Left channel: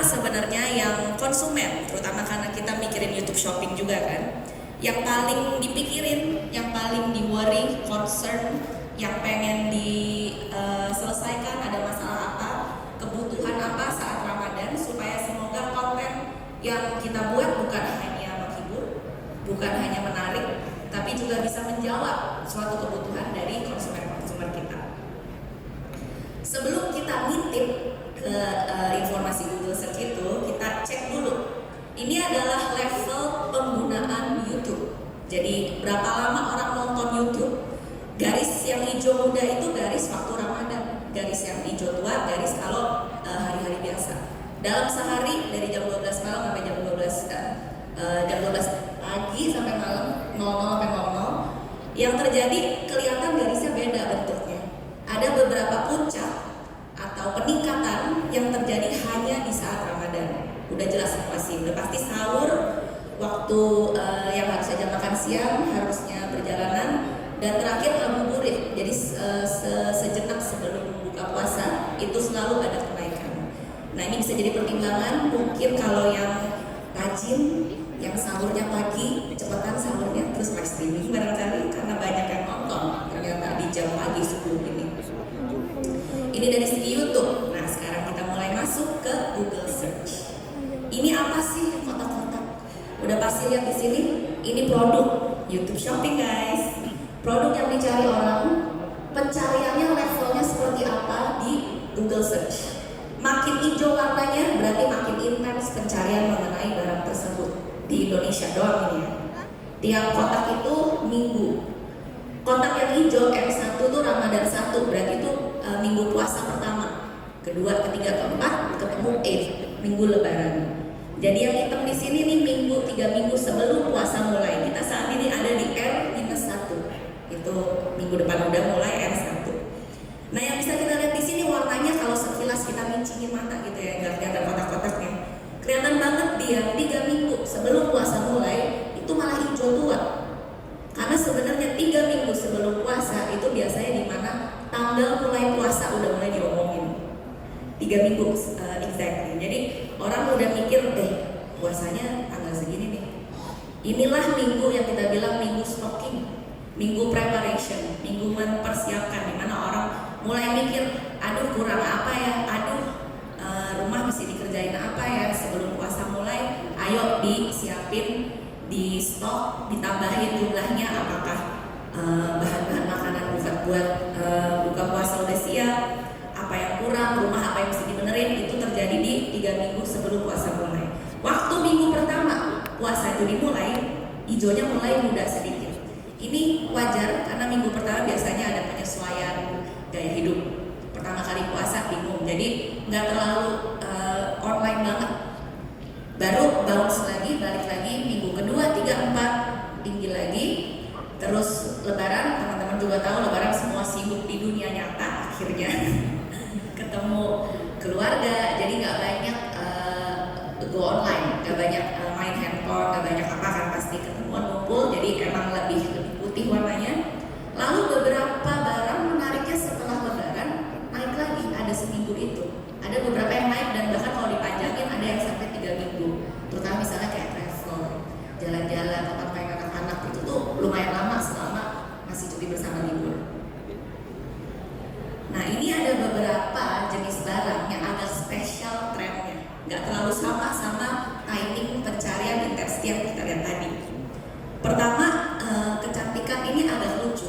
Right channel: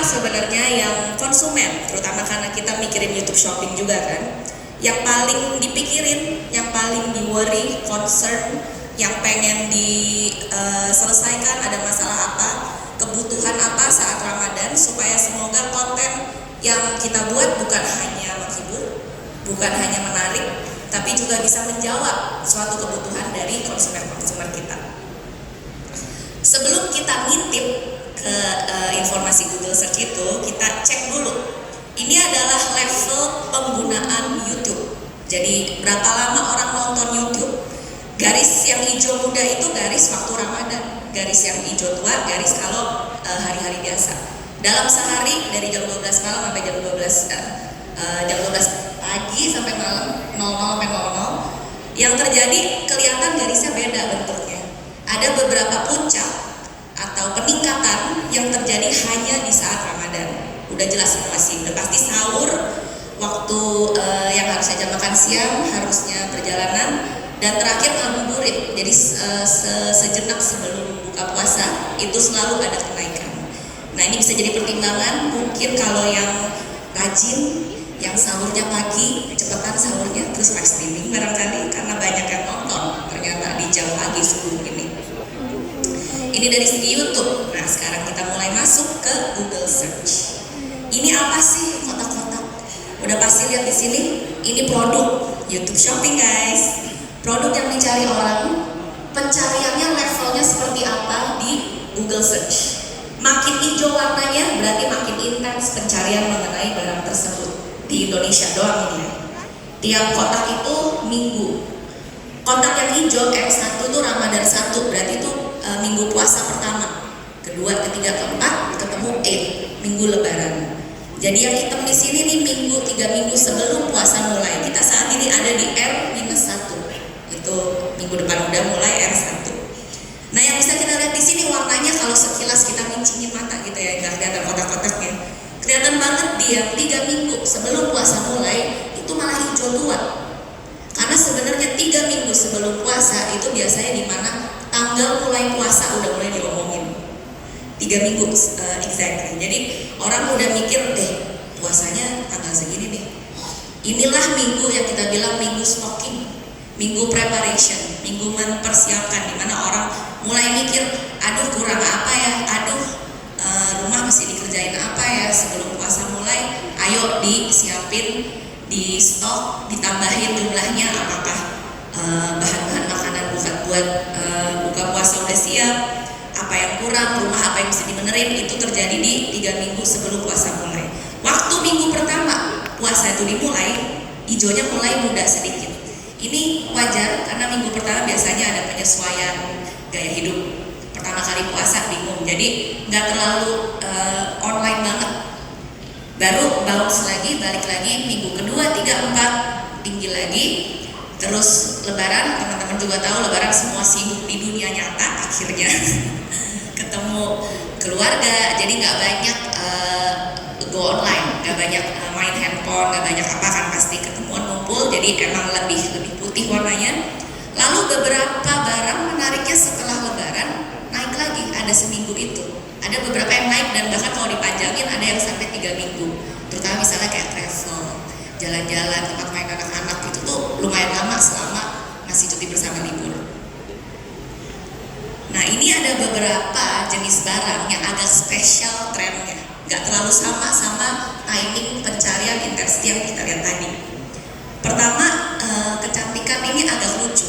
apa sebenarnya yang konsumen, terutama karena kita mikirin YouTube Shopping juga kan, yang paling dipikirin, yang paling di-worry, concern, yang pengen diselesaikan, ada masalah apa, kebutuhan apa saat Ramadan, supaya semoga konten yang kita buat bukan hanya menghibur, bukan hanya menarik, tapi juga bisa menjawab suatu kebutuhan dari konsumer kita. Sebelum kita ngintip ke informasi Google Search itu, kita cek dulu. Ini adalah level penggunaan YouTube. Jadi berapa lama orang nonton YouTube? Garis yang hijau muda itu garis waktu Ramadan. Garis yang hijau tua garis kalau hari-hari biasa. Dalam sehari dari jam 12 malam sampai jam 12 pagi sampai malam 00 sampai 00. Yang terjadi kelihatan garisnya beda bentuknya. Ada beberapa puncak atau peningkatan yang terjadi hanya di saat Ramadan. Udah jelas pasti sahur, waktu yang harusnya jam makan siang, harusnya perjalanan, dan terakhir ngabuburit. Jadi sejenak sebelum buka puasa itu selalu ada kenaikan. Nah, ini bisa jadi pertimbangan mungkin kalau yang rajin, yang sahurnya pagi, cepetan sahurnya terus live streaming barangkali karena banyak yang nonton ternyata di jam pagi subuh ini. Ini dari segi YouTube. Nah, sekarang kita mulai masuk ke Google Search. Ini apa sih kotak-kotak? Udah pasti lihat di sini. Ini produk YouTube Shopping, guys. Produk yang dicari orang, pencariannya levelnya seperti apa di Google Search. Makin hijau warnanya berarti makin intens pencarian mengenai barang tersebut. Di Indonesia doang ini ya. Tiap kotak itu minggu. Kotak yang hijau M1 tuh Ramadan 1, berarti itu minggu puasa pertama, kedua, ketiga, keempat, ketemu minggu lebaran. Jadi yang hitam di sini nih minggu, 3 minggu sebelum puasa mulai. Kita saat ini ada di R-1. Itu minggu depan udah mulai R1. Nah, yang bisa kita lihat di sini warnanya kalau sekilas kita mincingin mata gitu ya, nggak kelihatan kotak-kotaknya. Kelihatan banget dia 3 minggu sebelum puasa mulai itu malah hijau tua. Karena sebenarnya 3 minggu sebelum puasa itu biasanya di mana tanggal mulai puasa udah mulai diomongin. 3 minggu exactly. Jadi orang udah mikir puasanya tanggal segini nih. Inilah minggu yang kita bilang minggu stocking, minggu preparation, minggu mempersiapkan, di mana orang mulai mikir, aduh kurang apa ya, rumah masih dikerjain apa ya sebelum puasa mulai, ayo disiapin, di stok, ditambahin jumlahnya, apakah bahan-bahan makanan buat buka puasa udah siap, apa yang kurang, rumah apa yang mesti dibenerin. Itu terjadi di 3 minggu sebelum puasa mulai. Waktu minggu pertama puasa itu dimulai, hijaunya mulai muda sedikit. Ini wajar karena minggu pertama biasanya ada penyesuaian gaya hidup. Pertama kali puasa bingung, jadi nggak terlalu online banget. Baru bounce lagi, balik lagi minggu kedua, 3, 4 tinggi lagi. Terus lebaran, teman-teman juga tahu lebaran semua sibuk di dunia nyata akhirnya ketemu keluarga, jadi nggak banyak go online, nggak banyak main handphone, nggak banyak apa kan, pasti ketemuan ngumpul, jadi emang lebih putih warnanya. Lalu beberapa barang menariknya setelah lebaran naik lagi, ada seminggu itu. Ada beberapa yang naik dan bahkan kalau dipanjangin ada yang sampai 3 minggu. Terutama misalnya kayak travel, jalan-jalan, tempat main anak-anak itu tuh lumayan lama selama masih cuti bersama libur. Nah, ini ada beberapa jenis barang yang agak spesial trennya, nggak terlalu sama timing pencarian intensity yang kita lihat tadi. Pertama, kecantikan ini agak lucu.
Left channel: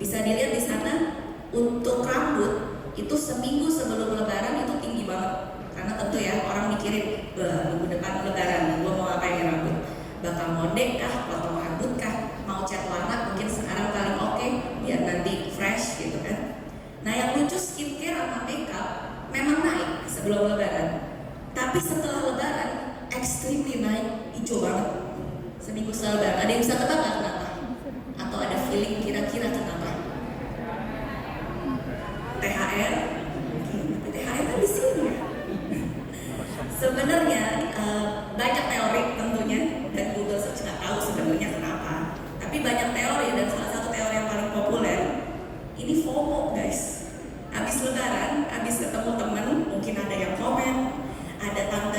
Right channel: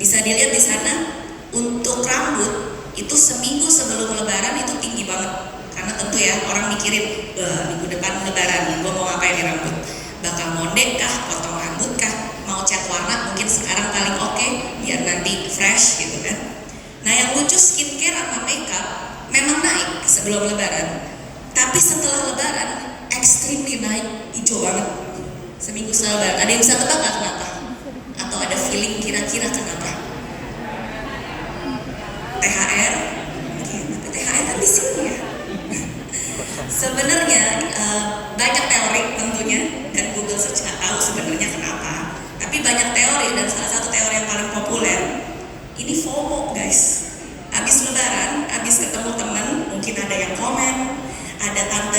Bisa dilihat di sana, untuk rambut itu seminggu sebelum lebaran itu tinggi banget. Karena tentu ya orang mikirin, minggu depan lebaran, gue mau ngapain di rambut? Bakal mondek kah, potong rambut kah, mau cat warna mungkin sekarang paling oke, biar nanti fresh gitu kan. Nah, yang lucu skincare sama makeup memang naik sebelum lebaran, tapi setelah lebaran extremely naik, hijau banget seminggu setelah lebaran. Ada yang bisa tebak nggak kenapa? Atau ada feeling kira-kira kenapa? THR? Oke, THR kan di sini ya. Sebenarnya banyak teori tentunya, dan Google Search nggak tahu sebenarnya kenapa. Tapi banyak teori, dan salah satu teori yang paling populer ini FOMO, guys. Habis lebaran, habis ketemu teman, mungkin ada yang komen, ada tante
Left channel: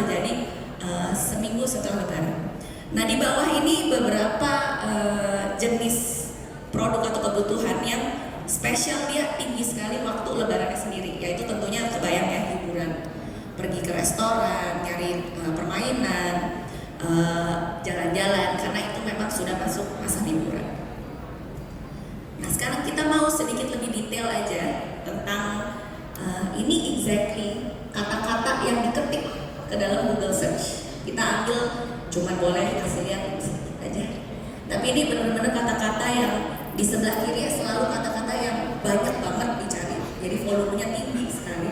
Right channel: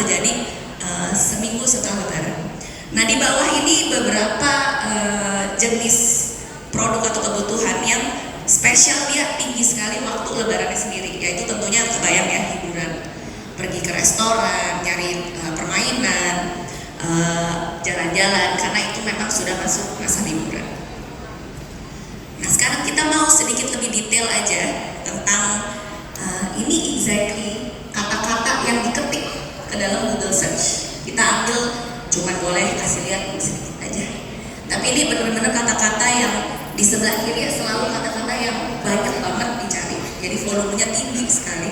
terjadi seminggu setelah Lebaran. Nah di bawah ini beberapa jenis produk atau kebutuhan yang spesial, dia tinggi sekali waktu Lebarannya sendiri, yaitu tentunya kebayang ya, hiburan, pergi ke restoran, nyari permainan, jalan-jalan, karena itu memang sudah masuk masa liburan. Nah sekarang kita mau sedikit lebih detail aja tentang ini exactly kata-kata yang diketik ke dalam Google Search. Kita ambil, cuman boleh kasih lihat sedikit aja. Tapi ini benar-benar kata-kata yang di sebelah kiri selalu kata-kata yang banyak banget dicari. Jadi volumenya tinggi sekali.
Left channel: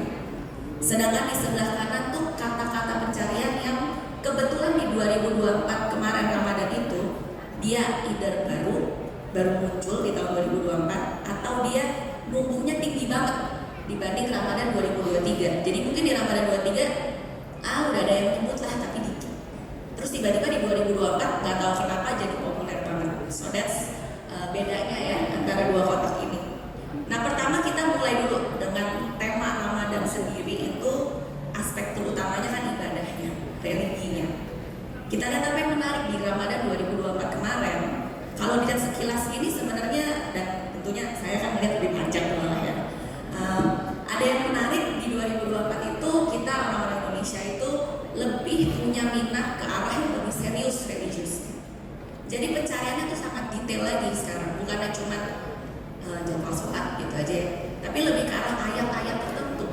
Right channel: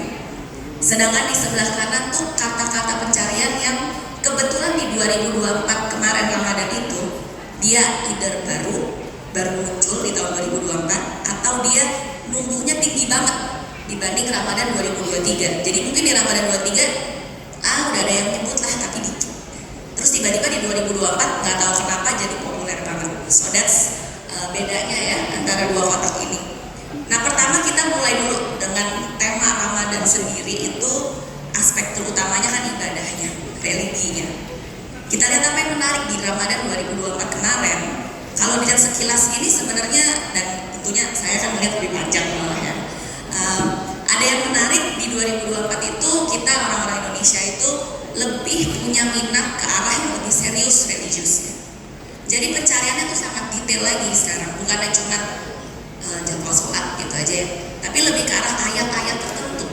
Sedangkan di sebelah kanan tuh kata-kata pencarian yang kebetulan di 2024 kemarin Ramadan itu dia either baru muncul di tahun 2024 atau dia nunggunya tinggi banget dibanding Ramadan 2023. Jadi mungkin di Ramadan 23 udah ada yang nyebut lah tapi dikit. Terus tiba-tiba di 2024 nggak tahu kenapa jadi populer banget. So that's bedanya ya antara dua kotak ini. Nah pertama kita mulai dulu dengan tema Ramadan sendiri, itu aspek terutamanya kan ibadahnya, religinya. Kita lihat apa yang menarik di Ramadan 2024 kemarin. Kalau dilihat sekilas ini sebenarnya, dan tentunya saya akan melihat lebih panjang malah ya. Ada yang menarik di 2024 itu, kita orang-orang Indonesia itu lebih punya minat ke arah yang lebih serius religiusnya. Jadi pencariannya tuh sangat detail lagi sekarang, bukannya cuma jadwal sholat gitu aja ya, tapi lebih ke arah ayat-ayat tertentu.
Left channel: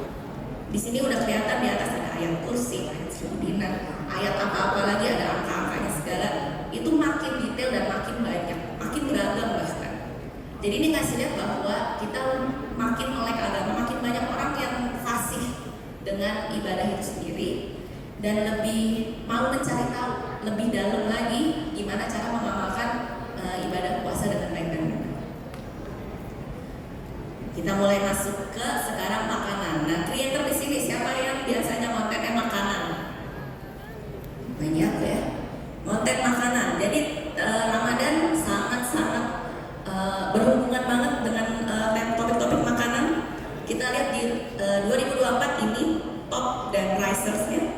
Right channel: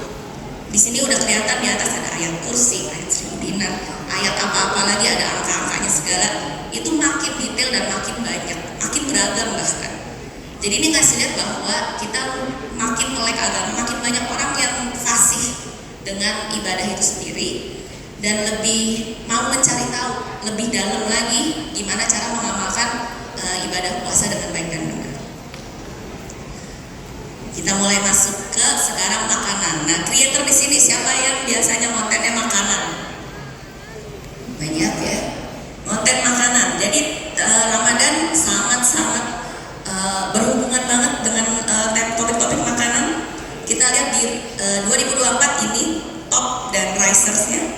Di sini udah kelihatan di atas ada ayat kursi, ayat seribu dinar, ayat apa-apa lagi, ada angka-angkanya segala. Itu makin detail dan makin banyak, makin beragam bahkan. Jadi ini ngasih lihat bahwa kita makin melek agama, makin banyak orang yang fasih dengan ibadah itu sendiri dan lebih mau mencari tahu lebih dalam lagi gimana cara mengamalkan ibadah puasa dengan baik dan benar. Kita mulai masuk ke sekarang makanan. Nah, creator di sini siapa yang biasanya kontennya makanan? Banyak ya, konten makanan. Jadi Ramadan sangat-sangat berhubungan banget dengan topik-topik makanan. Kita lihat di 2024 ini top dan risersnya.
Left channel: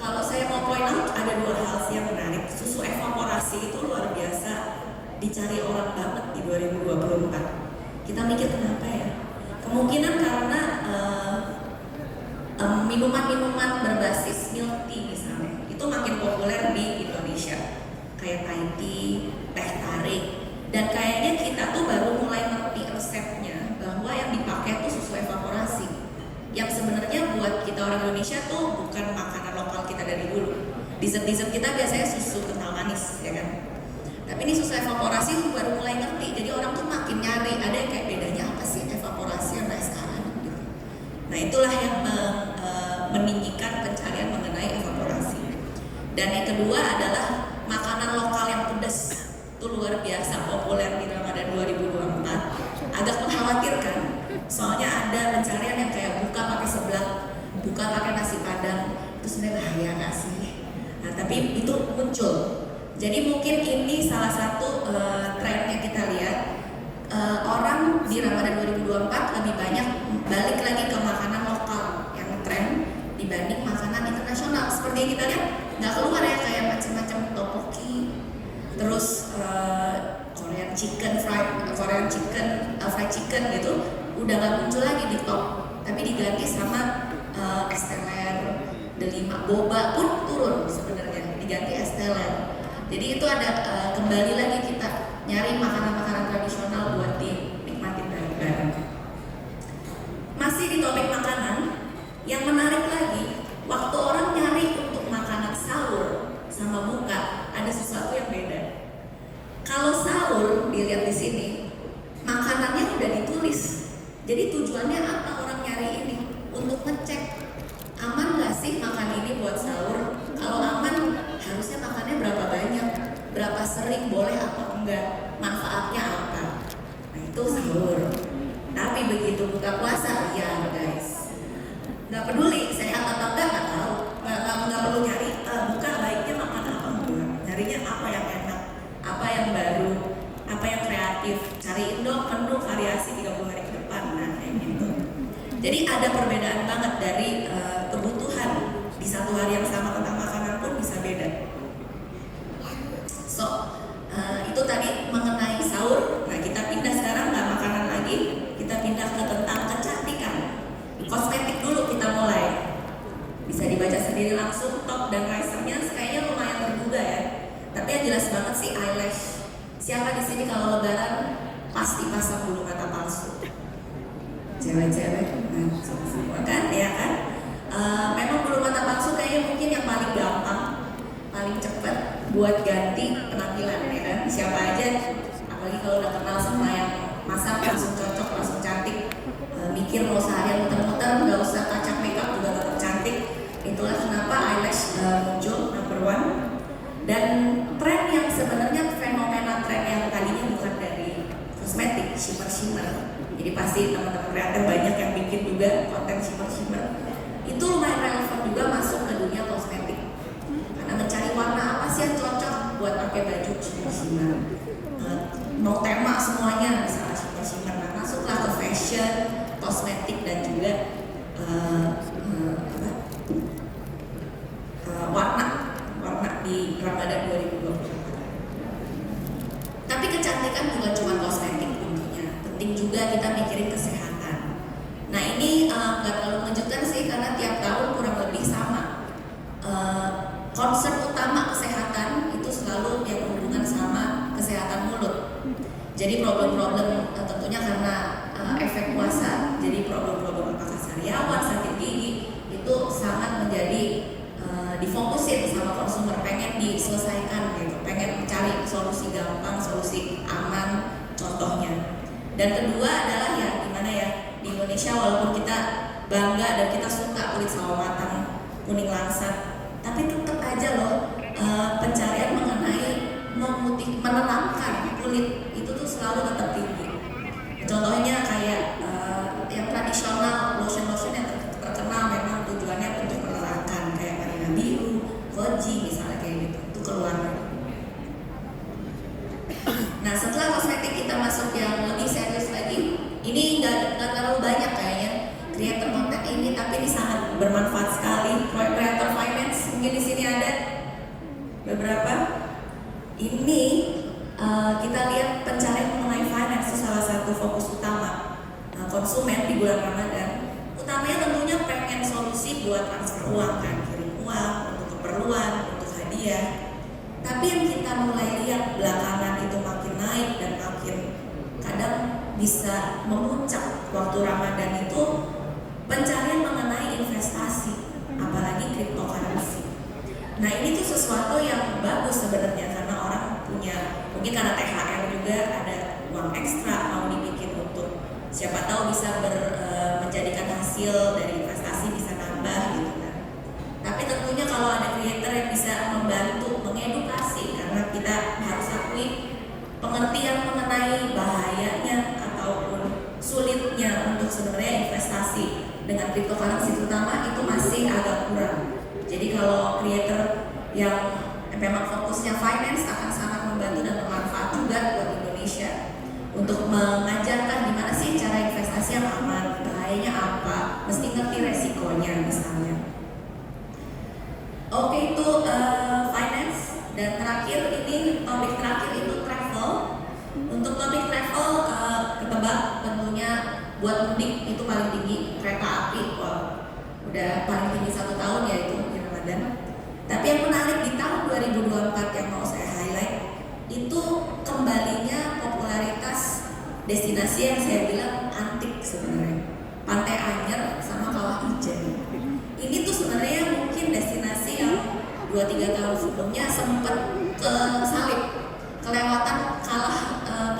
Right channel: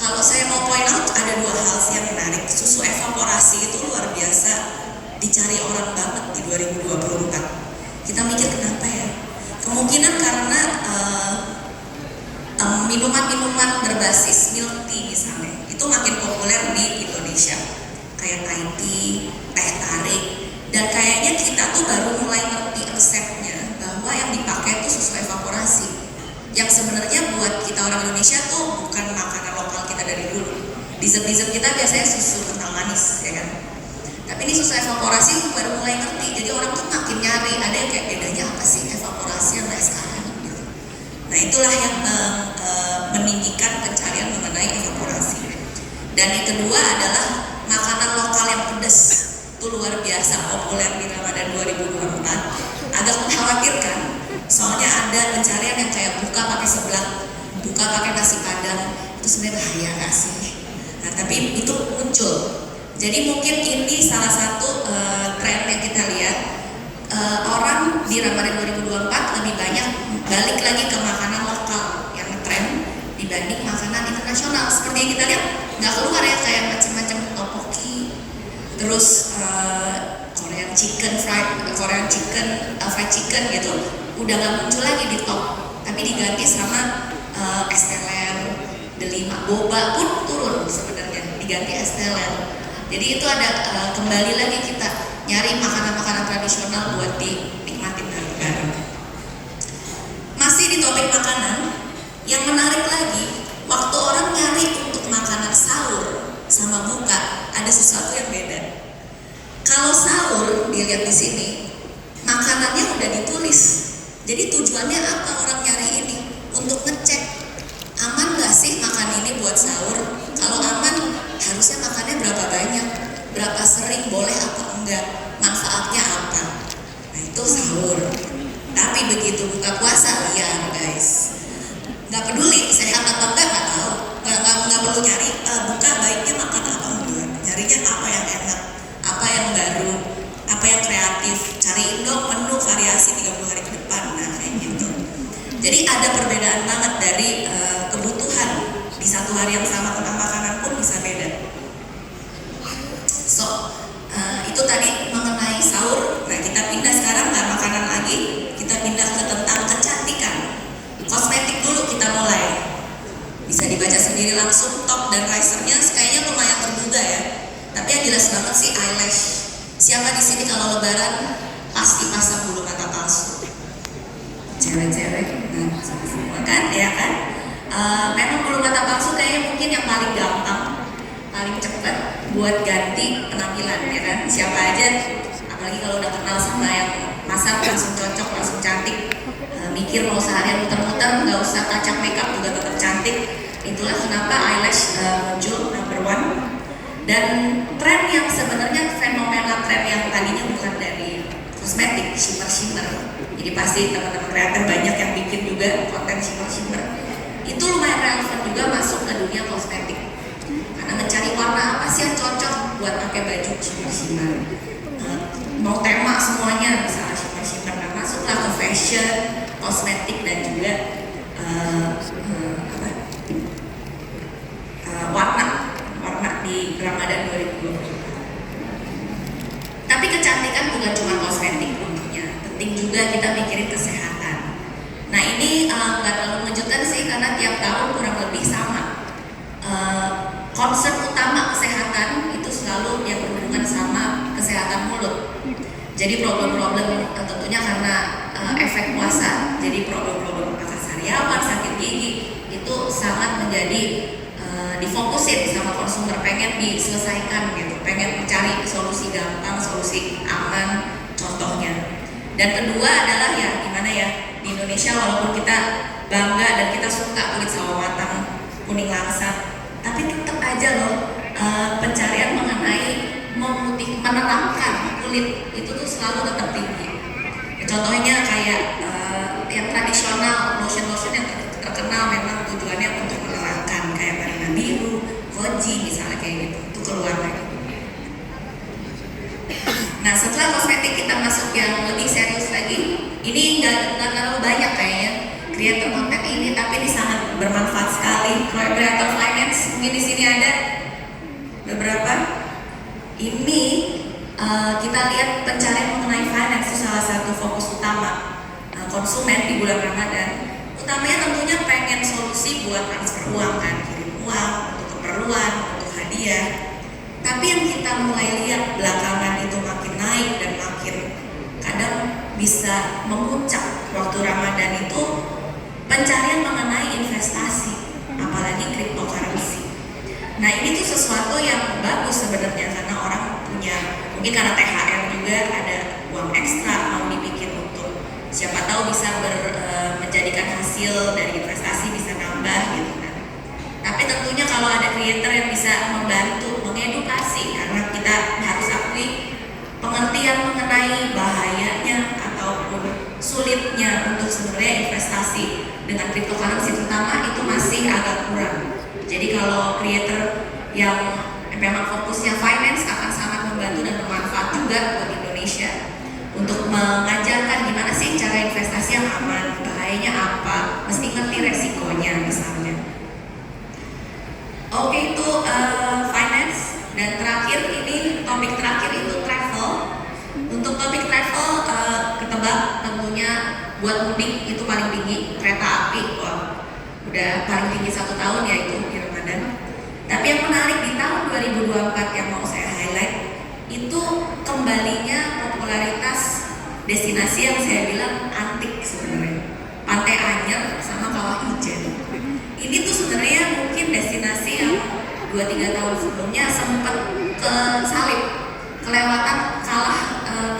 Kalau saya mau point out, ada dua hal sih yang menarik. Susu evaporasi itu luar biasa dicari orang banget di 2024. Kita mikir kenapa ya? Kemungkinan karena minuman-minuman berbasis milk tea misalnya itu makin populer di Indonesia, kayak Thai tea, teh tarik, dan kayaknya kita tuh baru mulai ngerti resepnya bahwa yang dipakai itu susu evaporasi, yang sebenarnya buat kita orang Indonesia tuh bukan makanan lokal kita dari dulu. Dessert-dessert kita biasanya susu kental manis, ya kan? Tapi ini susu evaporasi baru mulai ngerti, jadi orang tuh makin nyari, ada yang kayak bedanya apa sih evaporasi sama sekarang gitu. Nah itulah yang meninggikan pencarian mengenai evaporasi. Dan yang kedua adalah makanan lokal yang pedas, itu luar biasa populer di Ramadan 2024. Agak mengkhawatirkan, soalnya ada pencarian yang kayak buka pakai seblak, buka pakai nasi padang, itu sebenarnya bahaya nggak sih? Nah tapi itu muncul. Jadi mungkin ini salah satu tren yang kita lihat, orang di Ramadan 2024 lebih banyak balik lagi ke makanan lokal yang ngetren dibanding makanan internasional. Seperti yang kita lihat nggak keluar ya kayak macam-macam tteokbokki, terus Korean chicken fried chicken gitu, udah nggak muncul lagi di top, tapi diganti sama es teler, delima, boba pun turun sebenarnya, diganti es teler. Jadi itu ada kembali lagi kita nyari makanan-makanan tradisional buat dinikmatin bareng-bareng. Masih di topik makanan, yang menarik lagi, waktu orang nyari untuk makanan sahur sama buka, ada sesuatu yang beda. Kalau sahur, dilihat di sini, makanannya udah ditulis. Jadi tujuannya apa orang nyari ini? Untuk ngecek, aman gak sih makan ini buat sahur? Kalau aman, harusnya makannya berapa banyak, berapa sering, boleh atau enggak, manfaatnya apa. Nah itu sahur. Tapi begitu buka puasa, liar guys, nggak peduli sehat atau enggak, nggak tahu, nggak perlu nyari buka baiknya makan apa enggak, nyarinya apa yang enak, apa yang baru, apa yang kreatif, cariin dong menu variasi 30 hari ke depan. Nah kayak gitu. Jadi ada perbedaan banget dari kebutuhan di satu satu hari yang sama tentang makanan pun bisa beda. So, itu tadi mengenai sahur. Nah, kita pindah sekarang nggak makanan lagi, kita pindah ke tentang kecantikan. Kosmetik dulu kita mulai. Bisa dibaca sendiri langsung, top dan risernya kayaknya lumayan terduga ya. Tapi yang jelas banget sih eyelash. Siapa di sini kalau lebaran pasti pasang bulu mata palsu? Cewek-cewek, nah semua kan, ya kan? Memang bulu mata palsu kayaknya mungkin yang paling gampang, paling cepat buat ganti penampilan, ya kan? Siapa aja, apalagi kalau udah kenal sama yang masak langsung cocok, langsung cantik. Mikir mau seharian muter-muter, nggak usah kacak makeup juga tetap cantik. Itulah kenapa eyelash muncul number one. Dan tren yang sebenarnya fenomena tren yang tadinya bukan dari kosmetik, shimmer. Jadi pasti teman-teman kreator banyak yang bikin juga konten shimmer. Itu lumayan relevan juga masuk ke dunia kosmetik. Karena mencari warna apa sih yang cocok buat pakai baju shimmer. Mau tema semuanya misalnya shimmer. Nah, masuklah ke fashion, kosmetik dan juga warna di Ramadan 2020. Tapi kecantikan bukan cuma kosmetik tentunya, penting juga kita mikirin kesehatan. Nah ini nggak terlalu mengejutkan sih karena tiap tahun kurang lebih sama. Concern utama kesehatan itu selalu yang berhubungan sama kesehatan mulut. Jadi problem-problem tentunya karena efek puasa, jadi problem-problem apakah sariawan, sakit gigi itu sangat menjadi difokusin sama konsumer, pengen diselesaikan gitu, pengen mencari solusi gampang, solusi aman, contohnya. Dan kedua adalah ya gimana ya, di Indonesia walaupun kita bangga dan kita suka kulit sawo matang, kuning langsat, tapi tetap aja loh pencarian mengenai menenangkan kulit itu tuh selalu tetap tinggi. Contohnya kayak yang tradisional, lotion-lotion yang terkenal memang tujuannya untuk menerangkan kayak Marina Biru, Koji misalnya kayak gitu, itu keluar lagi. Nah setelah kosmetik kita masuk yang lebih serius lagi, ini nggak terlalu banyak kayaknya kreator konten ini, tapi ini sangat bermanfaat sekali. Kreator finance mungkin di sini ada beberapa. Ini kita lihat pencarian mengenai finance itu salah satu fokus utama konsumen di bulan Ramadan. Utamanya tentunya pengen solusi buat transfer uang kan, kirim uang untuk keperluan, untuk hadiah. Tapi yang kita mulai lihat belakangan itu makin naik dan makin kadang bisa memuncak waktu Ramadan itu pencarian mengenai investasi, apalagi cryptocurrency. Nah ini tuh sesuatu yang bagus sebenarnya karena orang punya, mungkin karena THR juga ada uang ekstra mau dibikin untuk siapa tahu bisa menjadikan hasil dari investasi bisa nambah gitu kan. Tapi tentunya kalau ada creator yang bisa membantu mengedukasi, karena kita harus akui pengertian mengenai bahayanya ataupun sulitnya untuk sebenarnya investasi dengan cryptocurrency terutama itu masih agak kurang. Jadi kalau creator yang memang fokusnya finance akan sangat membantu dan bermanfaat juga buat Indonesia untuk mengajarkan gimana sih cara investasi yang aman, bahayanya apa, mesti ngerti resikonya misalnya. Oke, itu finance. Dan terakhir ini topik terakhir itu travel. Untuk topik travel ketebak tentunya buat mudik itu paling tinggi, kereta api, wah udah paling tinggi 1 tahun ya itu di Ramadan. Tapi yang menarik di tahun 2024 yang mau saya highlight itu kembalinya popularitas destinasi yang saya bilang antik sebenarnya, Pantai Anyer sama Kawah Ijen. Ini tuh sebenarnya mungkin destinasi yang 2-3 tahun sebelumnya sempat kesalip, kelewatan, kalah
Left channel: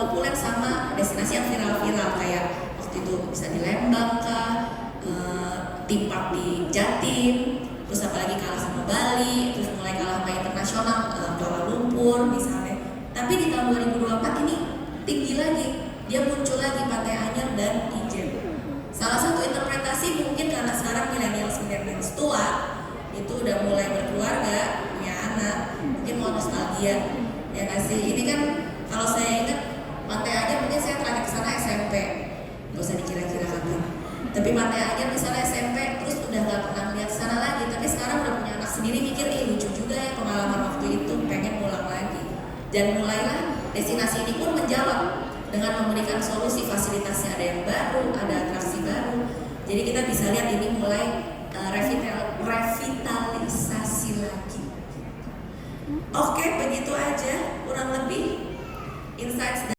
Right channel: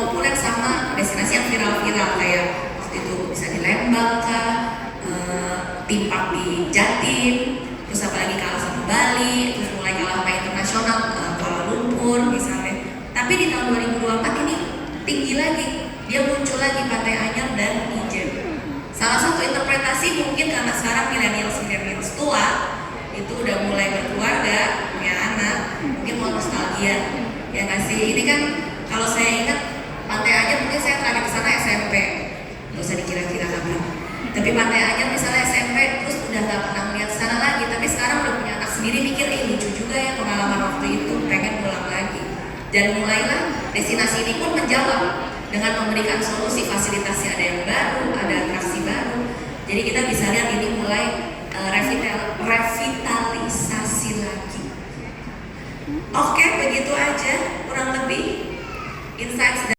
populer sama destinasi yang viral-viral kayak waktu itu bisa di Lembang kah, Timpak di Jatim, terus apalagi kalah sama Bali, terus mulai kalah sama internasional Kuala Lumpur misalnya. Tapi di tahun 2024 ini tinggi lagi, dia muncul lagi Pantai Anyer dan Ijen. Salah satu interpretasi mungkin karena sekarang milenial tua itu udah mulai berkeluarga, punya anak, mungkin mau nostalgia, ya kasih. Ini kan kalau saya ingat Pantai Anyer mungkin saya terakhir kesana SMP, nggak usah dikira-kira kapan. Tapi Pantai Anyer misalnya SMP terus udah nggak pernah melihat sana lagi, tapi sekarang udah punya Dan mulailah destinasi ini pun menjawab dengan memberikan solusi fasilitasnya, ada yang baru, ada atraksi baru. Jadi kita bisa lihat ini mulai revitalisasi lagi. Oke, begitu aja kurang lebih insights